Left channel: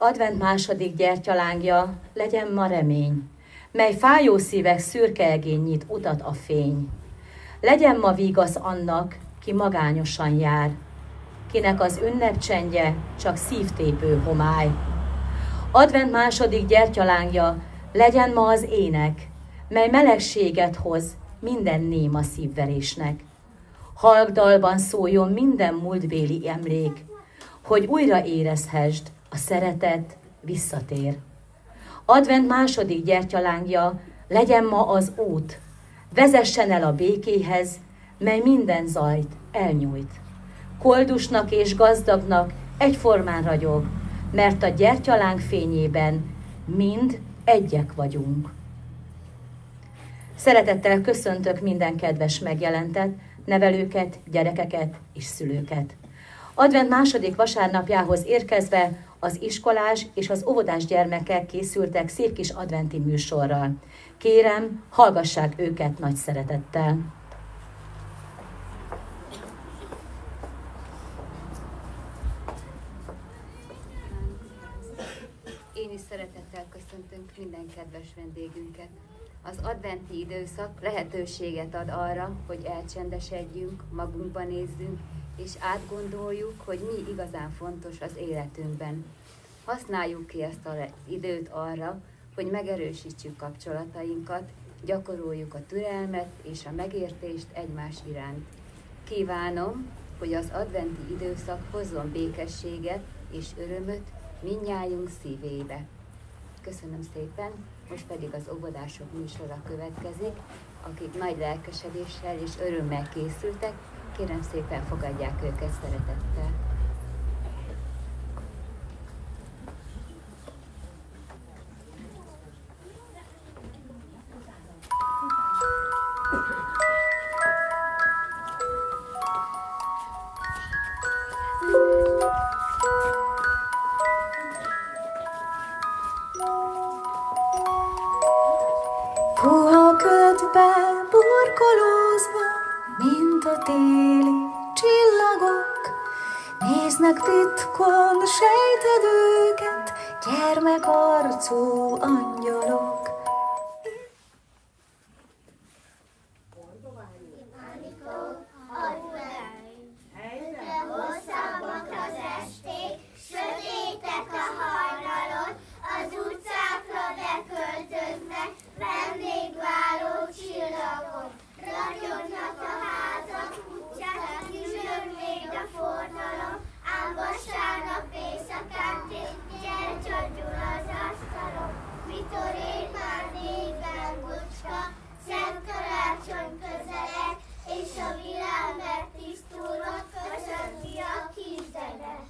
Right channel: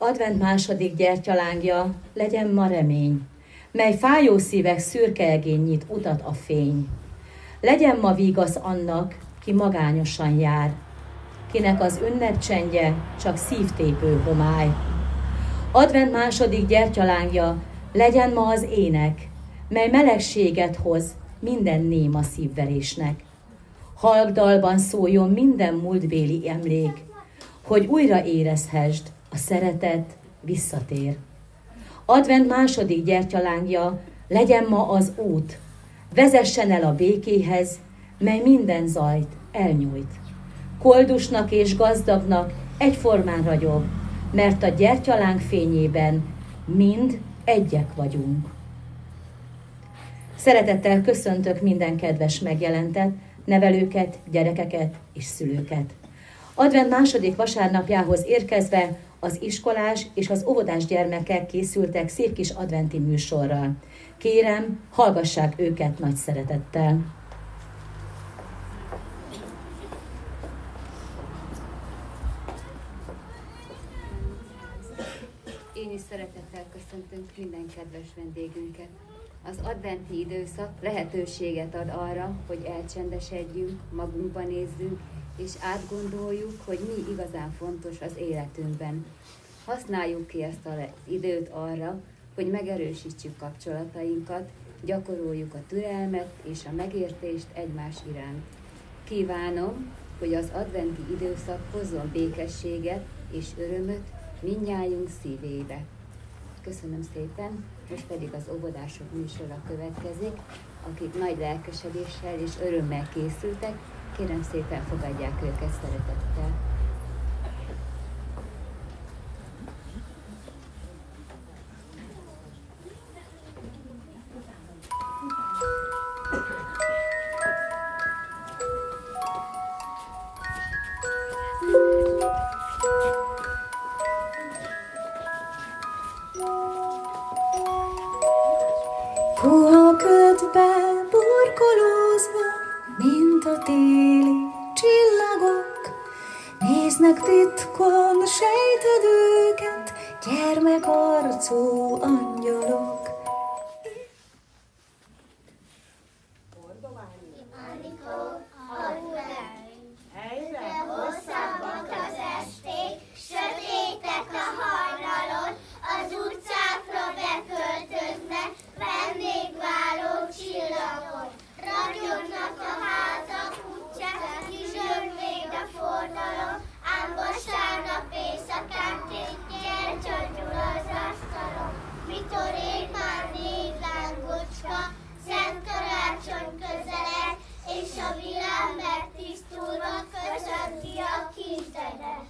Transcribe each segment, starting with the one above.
Advent második gyertyalángja, legyen ma remény, mely fájó szívek szürke egén nyit utat a fény. Legyen ma vígasz annak, ki magányosan jár, kinek az ünnepcsendje csak szívtépő homály. Advent második gyertyalángja, legyen ma az ének, mely melegséget hoz minden néma szívverésnek. Halk dalban szóljon minden múltbéli emlék, hogy újra érezhesd, a szeretet visszatér. Advent második gyertyalángja, legyen ma az út, vezessen el a békéhez, mely minden zajt elnyújt. Koldusnak és gazdagnak egyformán ragyog, mert a gyertyaláng fényében mind egyek vagyunk. Szeretettel köszöntök minden kedves megjelentet, nevelőket, gyerekeket és szülőket. Advent második vasárnapjához érkezve az iskolás és az óvodás gyermekek készültek szép kis adventi műsorral. Kérem, hallgassák őket nagy szeretettel. Én is szeretettel köszöntöm minden kedves vendégünket. Az adventi időszak lehetőséget ad arra, hogy elcsendesedjünk, magunkba nézzünk, és átgondoljuk, hogy mi igazán fontos az életünkben. Használjuk ki ezt az időt arra, hogy megerősítsük kapcsolatainkat, gyakoroljuk a türelmet és a megértést egymás iránt. Kívánom, hogy az adventi időszak hozzon békességet és örömöt mindnyájunk szívébe. Köszönöm szépen, most pedig az óvodások műsora következik, akik nagy lelkesedéssel és örömmel készültek. Kérem szépen, fogadják őket szeretettel. Puha ködbe burkolózva, mint a téli csillagok, néznek titkon, sejted őket, gyermekarcú angyalok. Egyre hosszabbak az esték, sötétek a hajnalon, az utcákra beköltöznek vendégváró csillagok. Ragyognak a házak utcák, kizsög még a forgalom, ám vasárnap éjszakán gyertya gyúl az asztalon. Mikor ég már négy lángocska, szent karácsony közeleg, és a világ megtisztulva köszönti a kisdedet.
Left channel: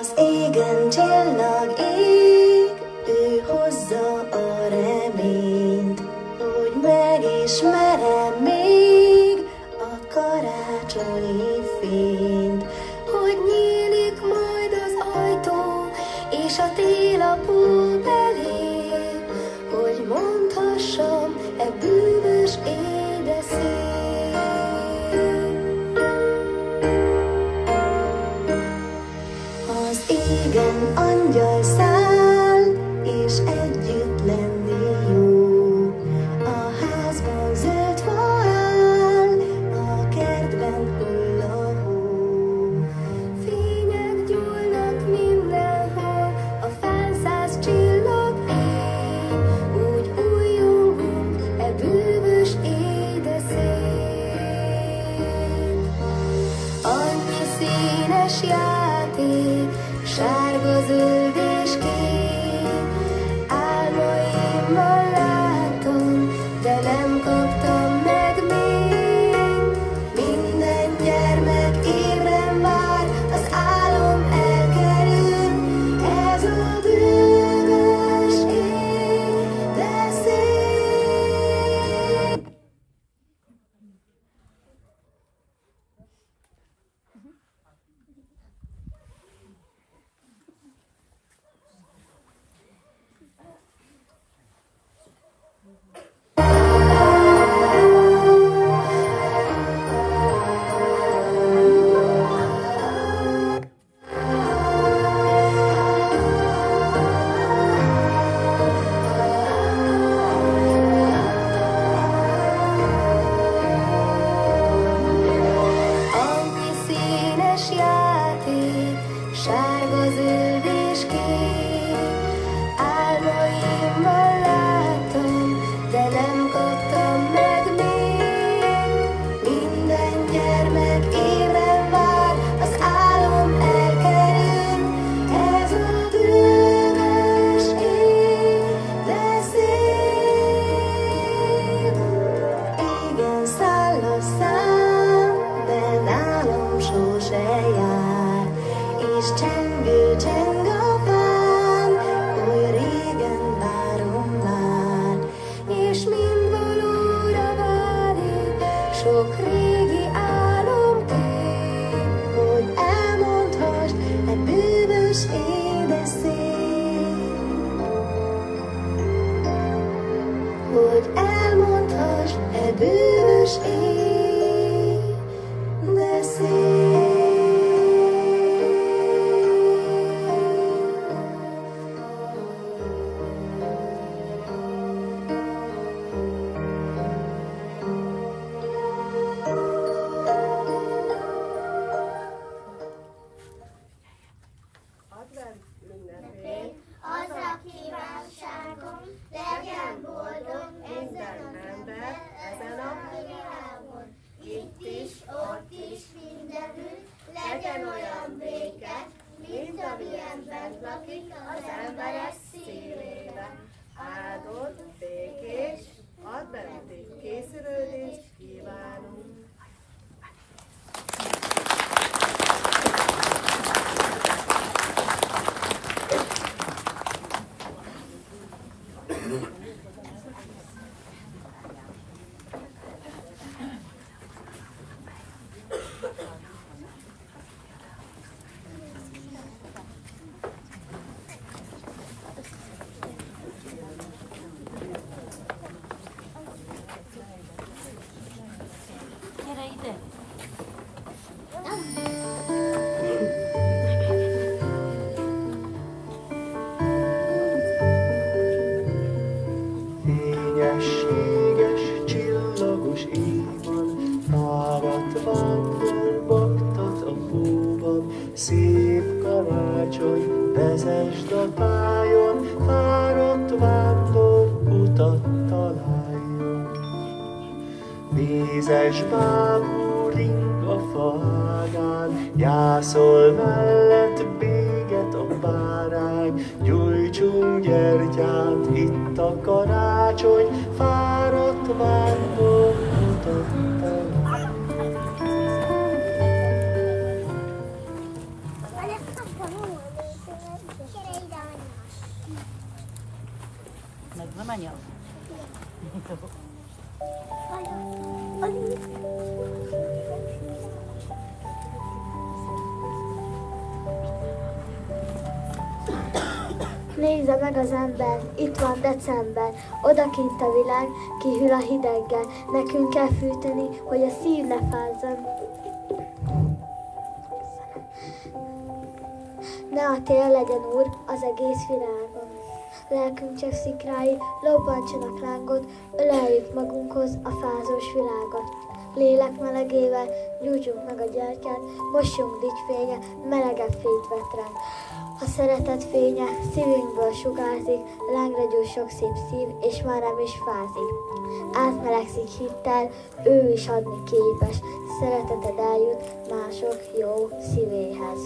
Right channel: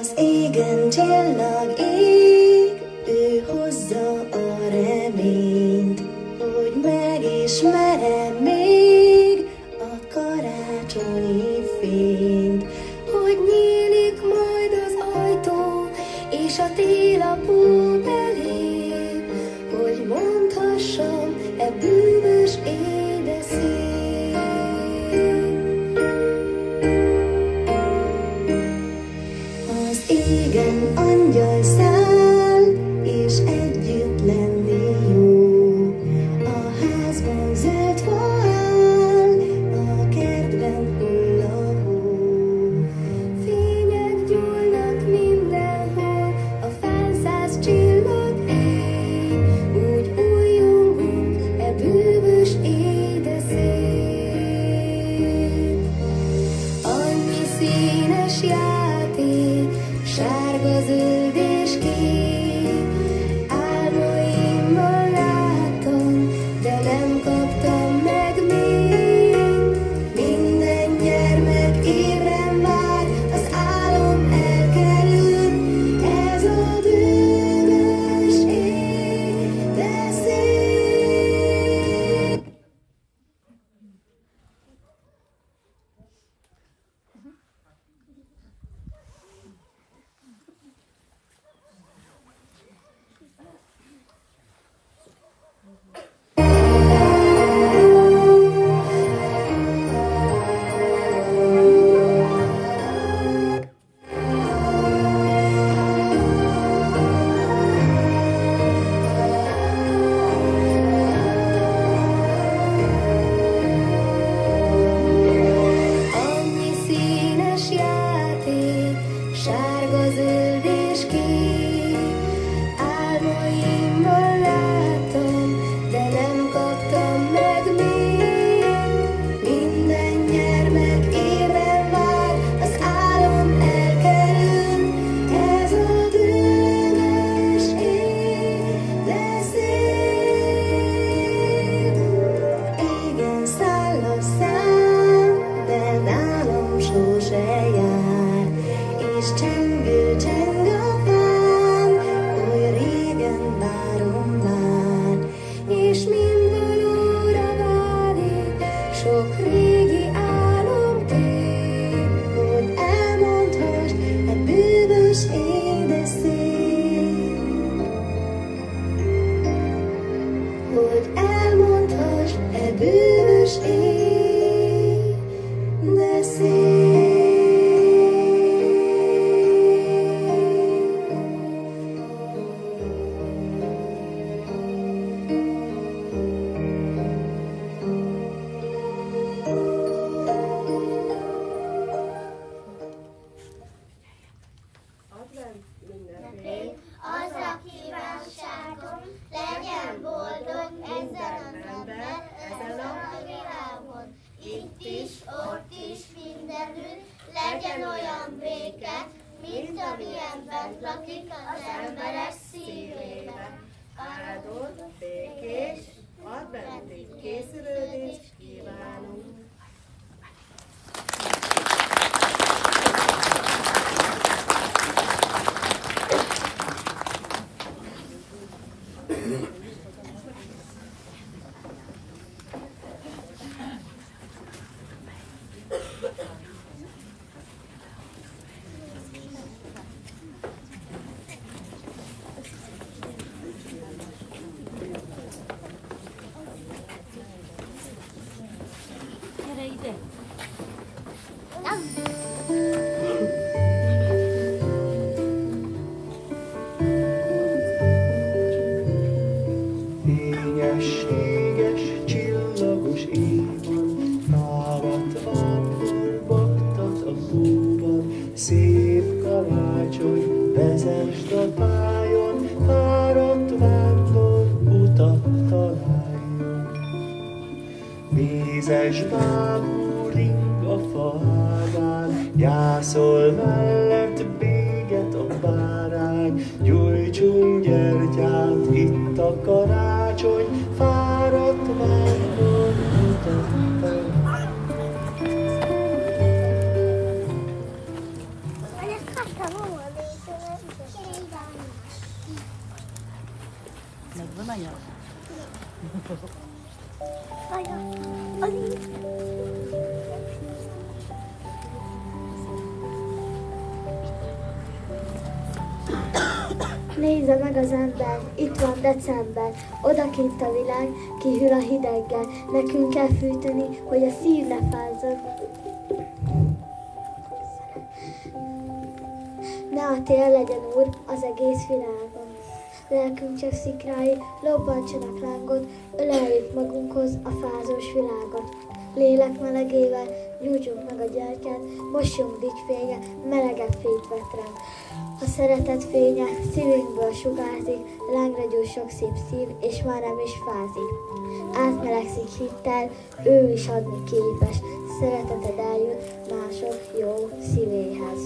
Az égen csillag ég, ő hozza a reményt, hogy megismerem még a karácsonyi fényt, hogy nyílik majd az ajtó, és a télapó belép, hogy mondhassam e bűvös édeszét. Az égen angyal száll, és együtt lenni jó. A házban zöld fa áll, a kertben hull a hó. Fények gyúlnak mindenhol, a fán 100 csillag ég, úgy újjongunk e bűvös édeszét. Annyi színes játék, sárga, zöld és kék, álmaimmal látom, de nem kaptam meg még. Minden gyermek ébren vár, az álom elkerül, ez a bűvös édeszét. Annyi színes játék, sárga, zöld és kék, álmaimmal látom, de nem kaptam meg még. Minden gyermek ébren vár, az álom elkerül, ez a bűvös édeszét. Igen, száll a szám, de nálam sose jár, és csengő cseng a fán, oly régen várom már, és mind valóra válik, sok régi álom kép, hogy elmondhassd e bűvös édeszét, hogy elmondhassd e bűvös édeszét. Advent ünnepén Az a kívánságom, legyen boldog ezen az ember, ezen a világon. Itt is, ott is, mindenütt, legyen olyan béke, mint amilyen bent lakik az emberek szívébe. áldott, békés, adventi készülődést kívánunk. Fényességes, csillagos éjban, fáradt vándor baktat a hóban, szép karácsony, vezesd a tájon, fáradt vándor utat találjon. Mézes bábú ring a fágán, jászol mellett béget a bárány, gyújtsunk gyertyát, itt a karácsony, fáradt vándor utat találjon. Nézze meg az ember, itt van december, odakint a világ, kihűl a hideggel. Nekünk kell fűteni, hogy a szív ne fázzon. Ne a tél legyen úr az egész világon. Lelkünk csak szikrái, lobbantsanak lángot, öleljük magunkhoz a fázós világot. Lélek melegével gyújtsunk meg a gyertyát, mossunk dicsfénye, melegebb fényt vet ránk. A szeretet fénye szívünkből sugárzik, lángra gyújt sok szép szív, és már nem is fázik. Átmelegszik hittel, ő is adni képes, szereteted eljut mások jó szívéhez.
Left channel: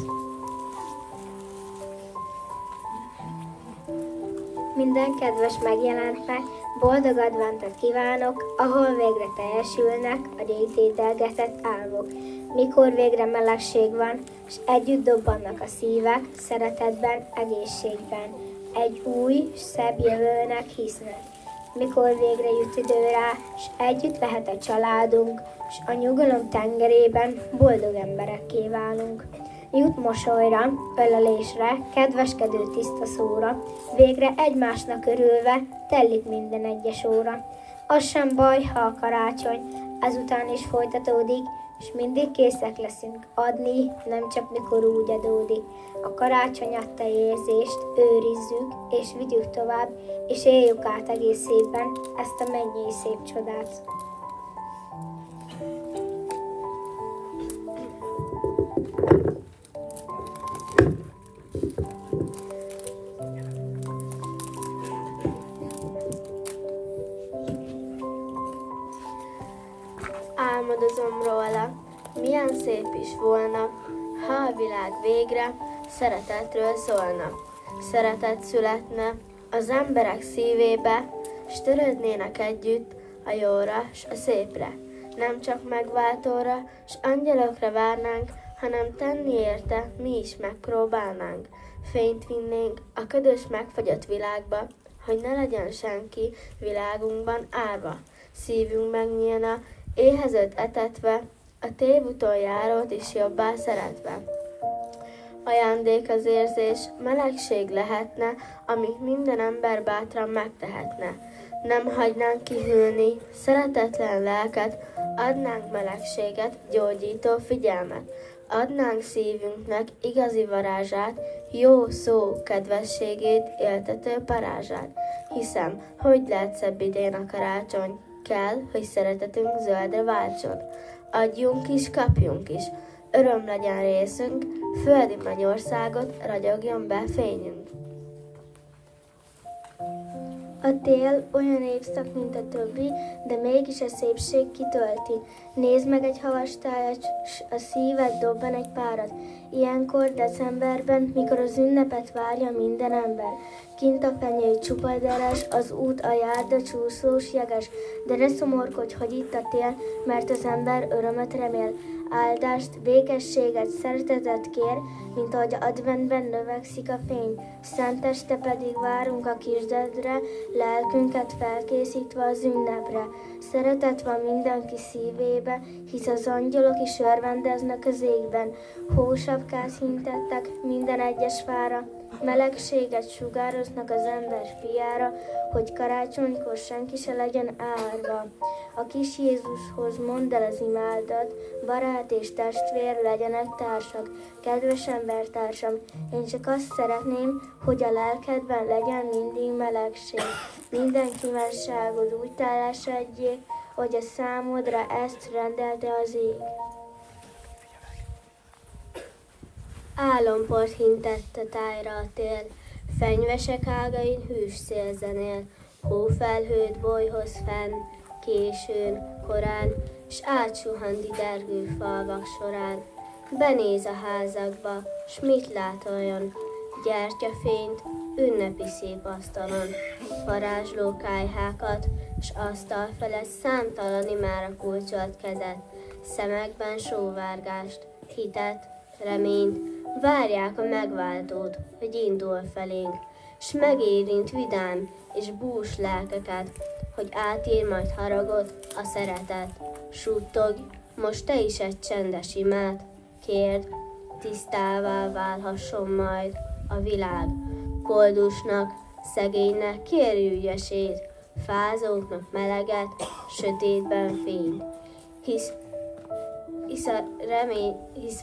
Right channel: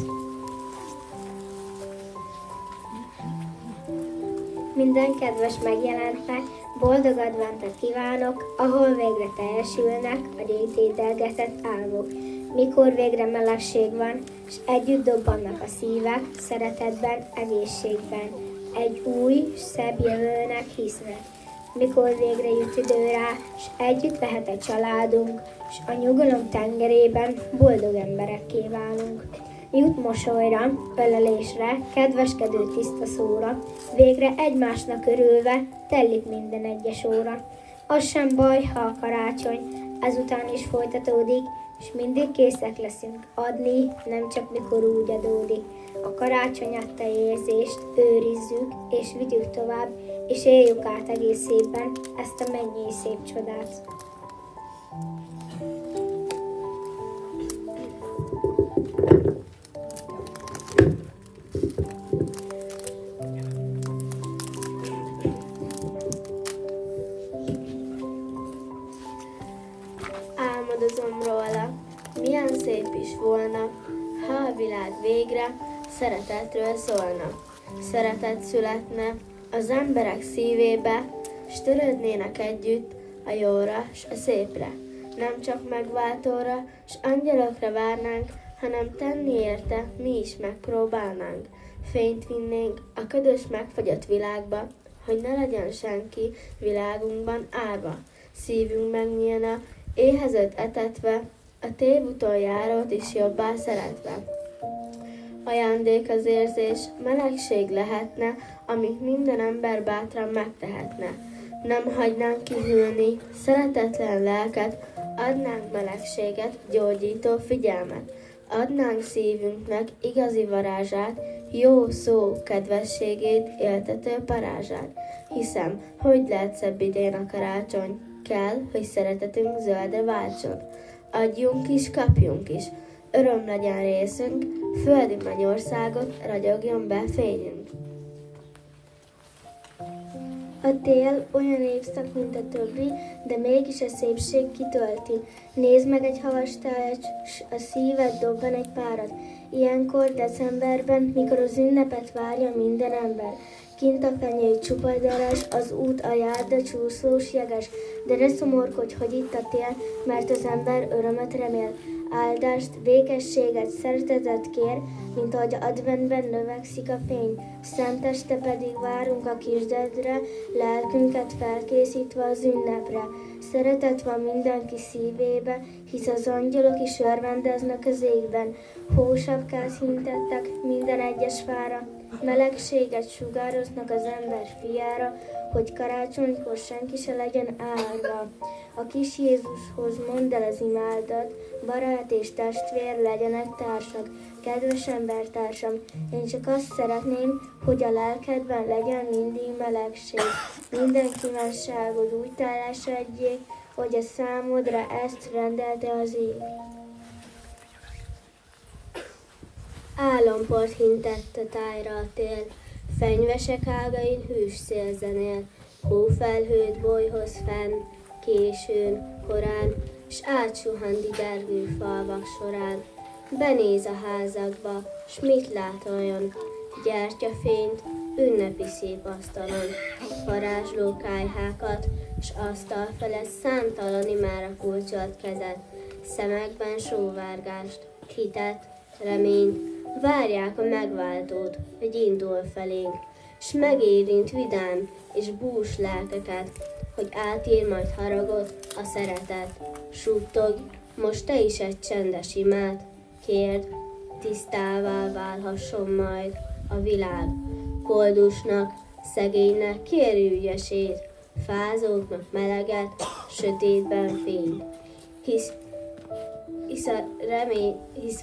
Minden kedves megjelentnek, boldog adventet kívánok, ahol végre teljesülnek a rétételgetett álmok. Mikor végre melegség van, s együtt dobbannak a szívek, szeretetben, egészségben. Egy új, szebb jövőnek hisznek. Mikor végre jut idő rá, s együtt lehet a családunk, s a nyugalom tengerében boldog emberekké válunk. Jut mosolyra, ölelésre, kedveskedő tiszta szóra, végre egymásnak örülve telik minden egyes óra. Az sem baj, ha a karácsony ezután is folytatódik, és mindig készek leszünk adni, nem csak mikor úgy adódik. A karácsony adta érzést őrizzük, és vigyük tovább, és éljük át egész évben ezt a mennyei szép csodát. Álmodozom róla, milyen szép is volna, ha a világ végre szeretetről szólna. Szeretet születne az emberek szívébe, s törődnének együtt a jóra s a szépre. Nem csak megváltóra s angyalokra várnánk, hanem tenni érte mi is megpróbálnánk. Fényt vinnénk a ködös megfagyott világba, hogy ne legyen senki világunkban árva. Szívünk megnyílna, éhezőt etetve, a tévúton járót is jobbá szeretve. Ajándék az érzés, melegség lehetne, amit minden ember bátran megtehetne. Nem hagynánk kihűlni szeretetlen lelket, adnánk melegséget, gyógyító figyelmet. Adnánk szívünknek igazi varázsát, jó szó kedvességét, éltető parázsát. Hiszem, hogy lehet szebb idén a karácsony, kell, hogy szeretetünk zöldre váltson. Adjunk is, kapjunk is, öröm legyen részünk, földi mennyországot ragyogjon be fényünk. A tél olyan évszak, mint a többi, de mégis a szépség kitölti. Nézd meg egy havastájat, s a szíved dobban egy párat. Ilyenkor decemberben, mikor az ünnepet várja minden ember. Kint a fenyő csupa daras, az út a járda csúszós jeges, de ne szomorkodj, hogy itt a tél, mert az ember örömöt remél. Áldást, békességet, szeretetet kér, mint ahogy adventben növekszik a fény. Szenteste pedig várunk a kisdedre, lelkünket felkészítve az ünnepre. Szeretet van mindenki szívébe, hisz az angyalok is örvendeznek az égben. Hósapkát hintettek minden egyes fára, melegséget sugároznak az ember fiára, hogy karácsonykor senki se legyen árva. A kis Jézushoz mondd el az imádat, barát és testvér legyenek társak, kedves embertársam. Én csak azt szeretném, hogy a lelkedben legyen mindig melegség. Minden kívánságod úgy teljesedjék, hogy a számodra ezt rendelte az ég. Álomport hintett a tájra a tél, fenyvesek ágain hűs szél zenél, hófelhőt bolyhoz fenn, későn, korán, s átsuhan didergő falvak során. Benéz a házakba, s mit lát olyan? Gyertyafényt, ünnepi szép asztalon, varázsló kályhákat, s asztal felett számtalan imára kulcsolt kezet, szemekben sóvárgást, hitet, reményt, várják a megváltót, hogy indul felénk, s megérint vidám és bús lelkeket, hogy átír majd haragot a szeretet. Suttogj, most te is egy csendes imát, kérd, tisztává válhasson majd a világ. Koldusnak, szegénynek kérj ügyesét, fázóknak meleget, sötétben fényt. Hisz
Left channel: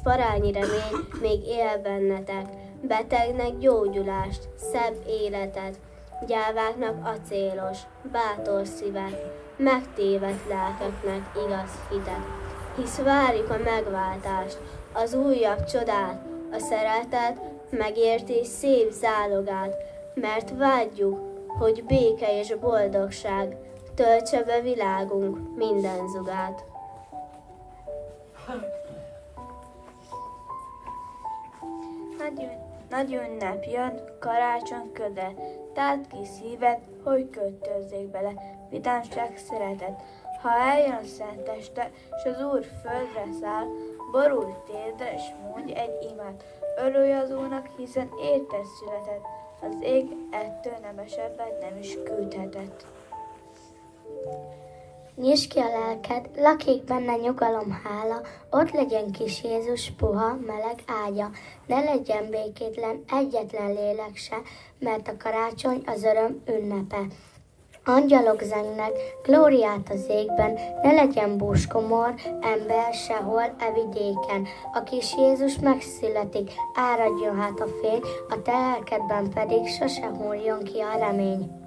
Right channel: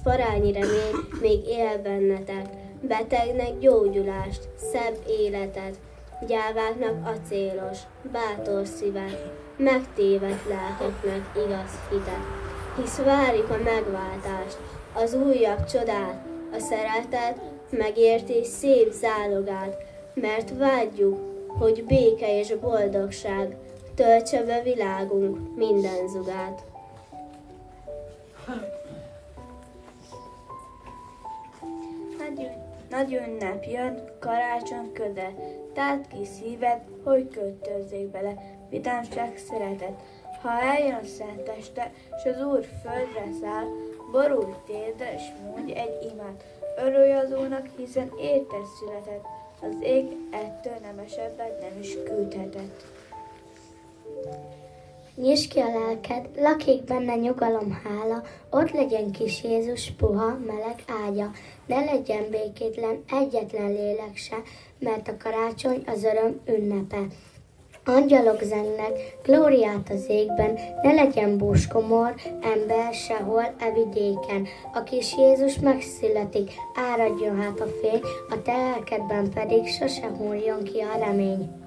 parányi remény még él bennetek, betegnek gyógyulást, szebb életet, gyáváknak acélos, bátor szívet, megtévedt lelkeknek igaz hitet. Hisz várjuk a megváltást, az újabb csodát, a szeretet, megértés szép zálogát, mert vágyjuk, hogy béke és boldogság töltse be világunk minden zugát. Nagy ünnep jön, karácsony köde, táld ki szíved, hogy költözzék bele, vidámság, szeretet. Ha eljön a szenteste, s az Úr földre száll, borulj térdre, s mondj egy imát. Örülj az Úrnak, hiszen érted született, az ég ettől nemesebbet nem is küldhetett. Nyisd ki a lelked, lakik benne nyugalom, hála, ott legyen kis Jézus puha, meleg ágya. Ne legyen békétlen egyetlen lélek se, mert a karácsony az öröm ünnepe. Angyalok zengnek, glóriát az égben, ne legyen búskomor, ember sehol e vidéken. A kis Jézus megszületik, áradjon hát a fény, a te lelkedben pedig sose hulljon ki a remény.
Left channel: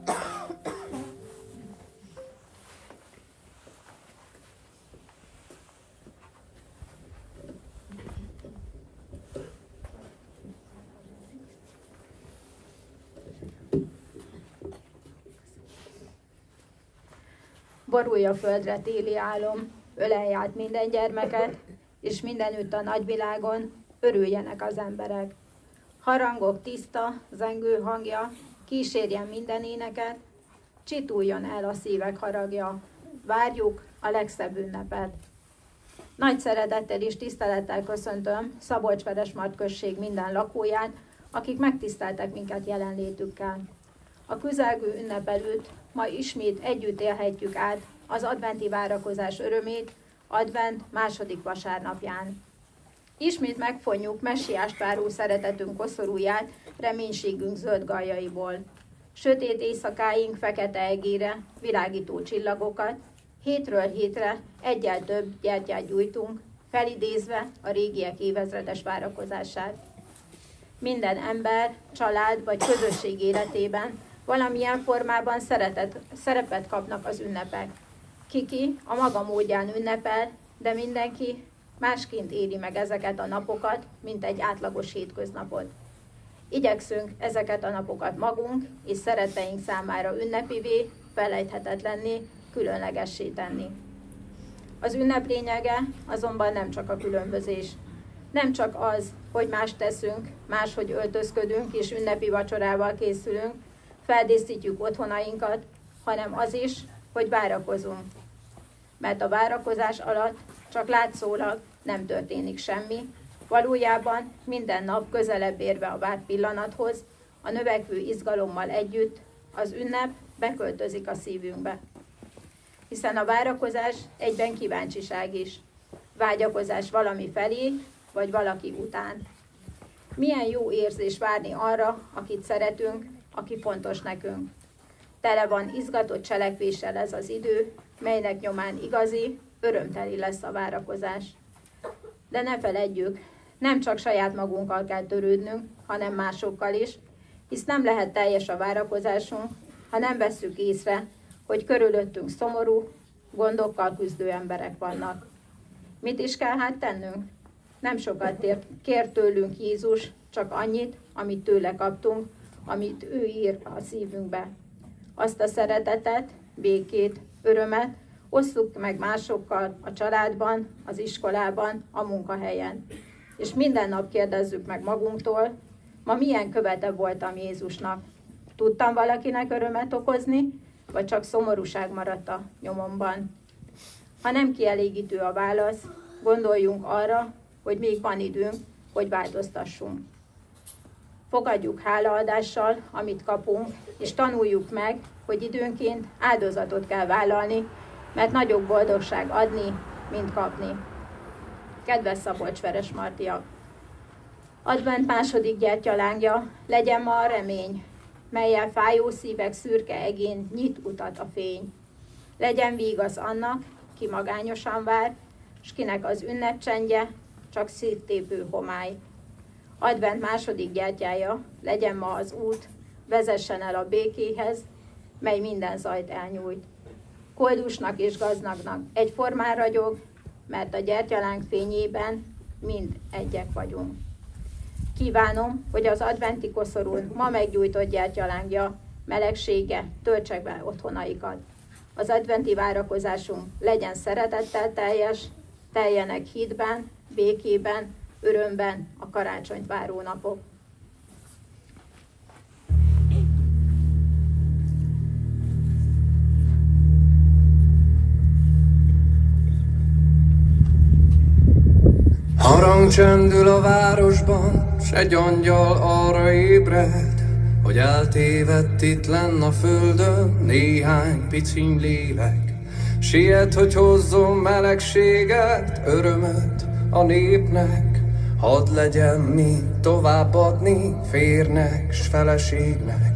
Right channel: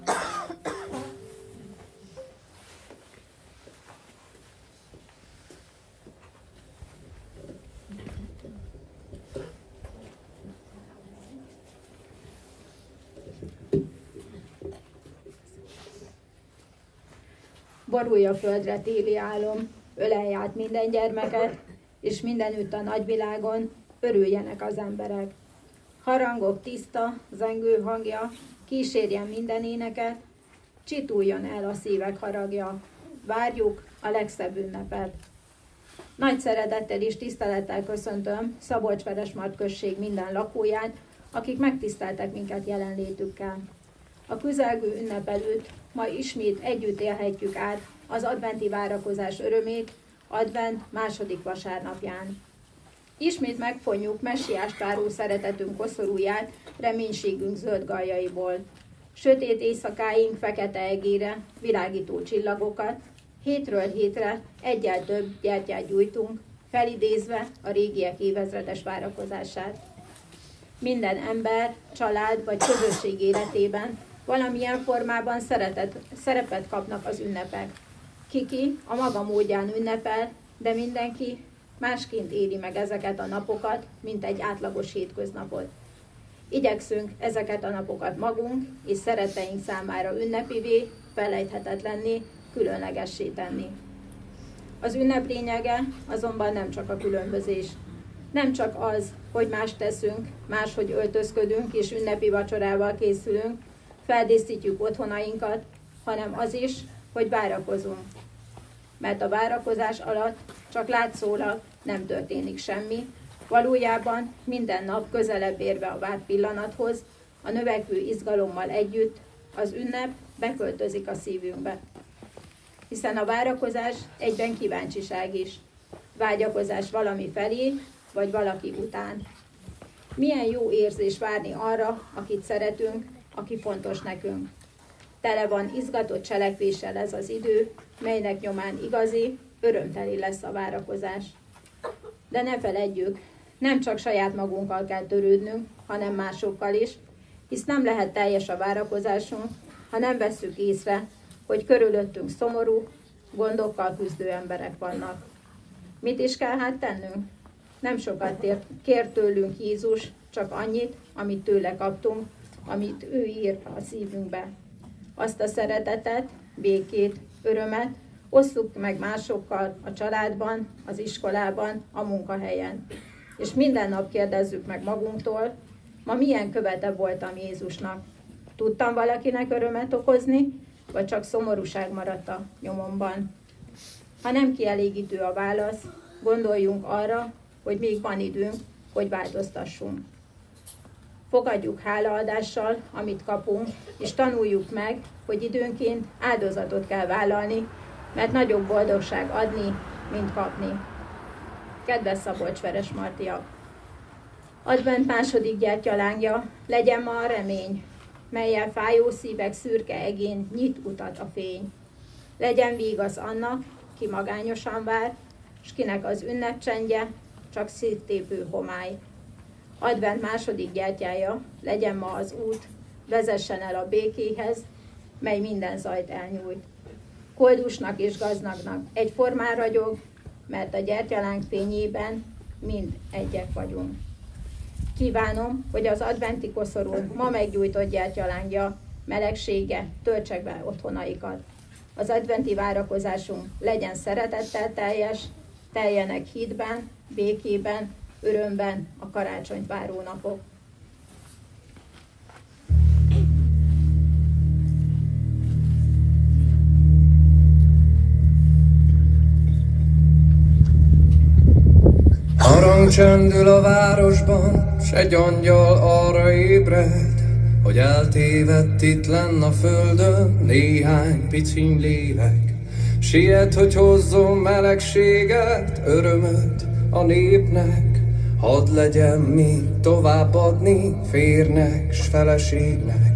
Borulj a földre téli álom, ölelj át minden gyermeket, és mindenütt a nagyvilágon örüljenek az emberek. Harangok tiszta, zengő hangja, kísérjen minden éneket, csituljon el a szívek haragja, várjuk a legszebb ünnepet. Nagy szeretettel és tisztelettel köszöntöm Szabolcs-Veresmard község minden lakóját, akik megtiszteltek minket jelenlétükkel. A közelgő ünnep előtt ma ismét együtt élhetjük át az adventi várakozás örömét advent második vasárnapján. Ismét megfonjuk messiást váró szeretetünk koszorúját reménységünk zöld galljaiból. Sötét éjszakáink fekete egére világító csillagokat, hétről hétre egyel több gyertyát gyújtunk, felidézve a régiek évezredes várakozását. Minden ember, család vagy közösség életében valamilyen formában szerepet kapnak az ünnepek. Kiki a maga módján ünnepel, de mindenki másként éli meg ezeket a napokat, mint egy átlagos hétköznapot. Igyekszünk ezeket a napokat magunk és szeretteink számára ünnepivé, felejthetetlenné, különlegessé tenni. Az ünnep lényege azonban nem csak a különbözés. Nem csak az, hogy mást teszünk, máshogy öltözködünk és ünnepi vacsorával készülünk, feldíszítjük otthonainkat, hanem az is, hogy várakozunk. Mert a várakozás alatt csak látszólag nem történik semmi, valójában minden nap közelebb érve a várt pillanathoz, a növekvő izgalommal együtt az ünnep beköltözik a szívünkbe. Hiszen a várakozás egyben kíváncsiság is. Vágyakozás valami felé, vagy valaki után. Milyen jó érzés várni arra, akit szeretünk, aki fontos nekünk. Tele van izgatott cselekvéssel ez az idő, melynek nyomán igazi, örömteli lesz a várakozás. De ne feledjük, nem csak saját magunkkal kell törődnünk, hanem másokkal is, hisz nem lehet teljes a várakozásunk, ha nem vesszük észre, hogy körülöttünk szomorú, gondokkal küzdő emberek vannak. Mit is kell hát tennünk? Nem sokat kér tőlünk Jézus, csak annyit, amit tőle kaptunk, amit ő ír a szívünkbe. Azt a szeretetet, békét, örömet osszuk meg másokkal a családban, az iskolában, a munkahelyen. És minden nap kérdezzük meg magunktól, ma milyen követe voltam Jézusnak? Tudtam valakinek örömet okozni, vagy csak szomorúság maradt a nyomomban? Ha nem kielégítő a válasz, gondoljunk arra, hogy még van időnk, hogy változtassunk. Fogadjuk hálaadással, amit kapunk, és tanuljuk meg, hogy időnként áldozatot kell vállalni, mert nagyobb boldogság adni, mint kapni. Kedves Szabolcs-Veres Martiak! Advent második gyertyalángja, legyen ma a remény, mellyel fájó szívek szürke egén nyit utat a fény. Legyen vígasz annak, ki magányosan vár, s kinek az ünnepcsendje csak szívtépő homály. Advent második gyertyája, legyen ma az út, vezessen el a békéhez, mely minden zajt elnyújt. Koldusnak és gazdagnak egyformán ragyog, mert a gyertyaláng fényében mind egyek vagyunk. Kívánom, hogy az adventi koszorú ma meggyújtott gyertyalángja melegsége töltse be otthonaikat. Az adventi várakozásunk legyen szeretettel teljes, teljenek hitben, békében, örömben a karácsonyt váró napok. Harang csendül a városban, s egy angyal arra ébred, hogy eltévedt itt lenn a földön néhány piciny lélek. Siet, hogy hozzon melegséget, örömöt a népnek, hadd legyen mi továbbadni férnek s feleségnek.